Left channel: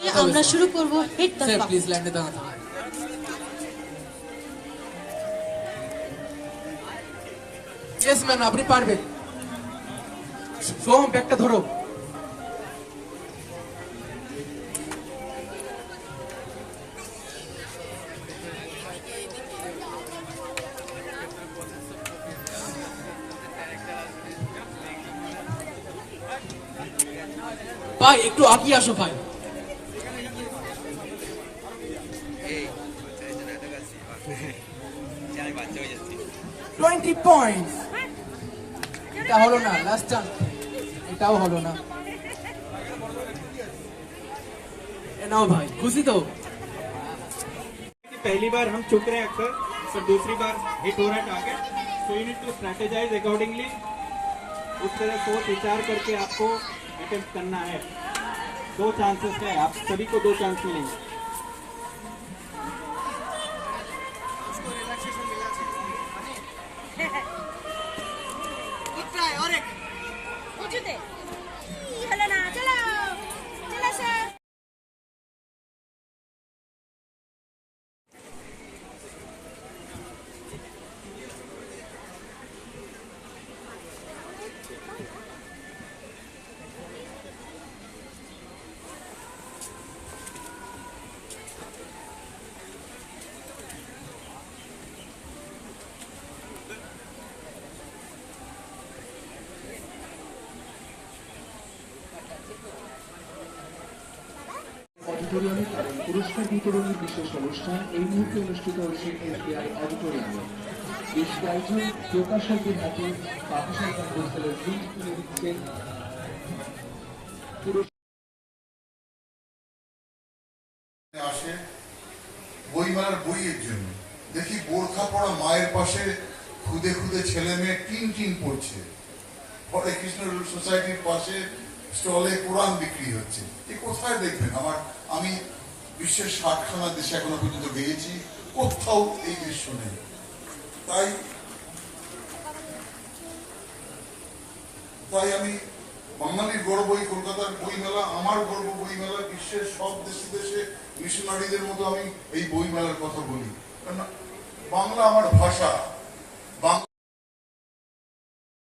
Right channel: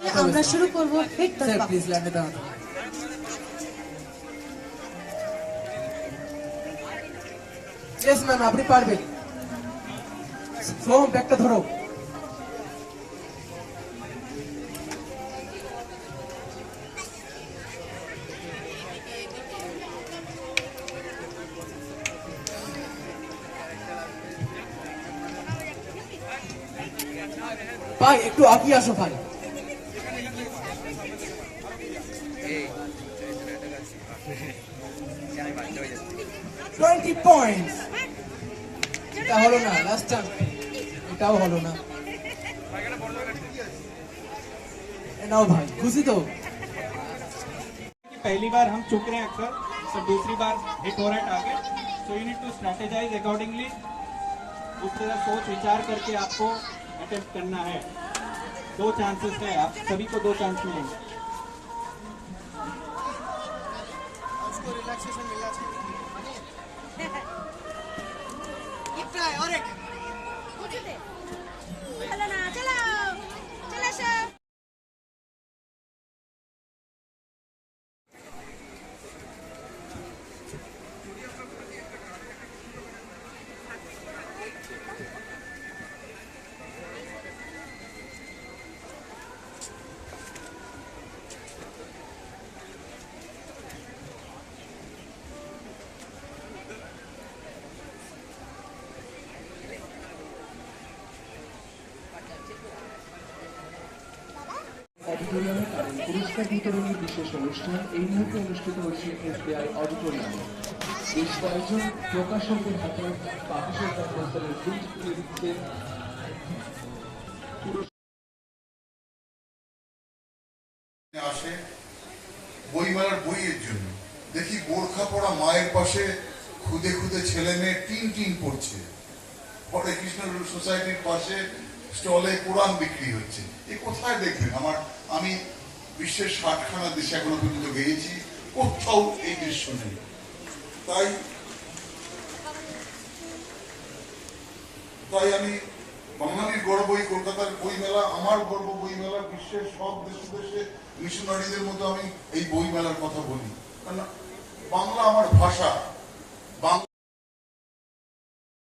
আমরা শুরু করব হিট দ্য স্যার প্লিজ ল্যান্ডে দাও। ইয়েস ম্যাম, আপনি পারবেন। সোম ব্যাগটা ধরো। ভাই একটু আগিয়ে আসো ভাই। 20 points. এটা হলো না, লাস্ট টাইম এটাও হলো না। নাও ভাই, খুশি তো? पहली बार हम चुक रहे हैं अक्सर, पर दूसरी बार हिट हो रहा है target, so you need to strategize accordingly. उस तरह सोच विचार करके आपको अटेम्प्ट करना है। 2 चांसेस है, आप सभी को 2 चांस मिलेंगे। অডিটোরিয়ামে পুরস্কার বিতরণের বিশেষ অনুষ্ঠান এই মুহূর্তে অনুষ্ঠিত হচ্ছে এসবিআই অডিটোরিয়ামে। বেশ কয়েকজন প্রকাশকের হাতে পাকিস্তান পুরস্কারের প্রিন্ট তুলে দিচ্ছেন। আসে বইমেলার বইয়ের জন্য, দেখি বোরখা পড়া মায়ের পাশে খুদে খুদে ছেলে মেয়ে টিন টিন পড়ছে। হরে কৃষ্ণ সোসাইটির পাশে স্টলে কোরআন বিক্রি হচ্ছে। এ কোথায় দেখবেন? আমি বিশ্বের 60খানা দেশে এখনো পর্যন্ত গিয়েছি, কোথাও এই দৃশ্য নেই। তাই আমি বাঙালির গর্ব এই কলকাতার বইমেলা, আমার গর্ব বইমেলা। বিশ্বের সব দেশে দেশে মিশনারিদের মতো আমি এই বইমেলার কথা বলি, কারণ বাংলা আমার ভাষা।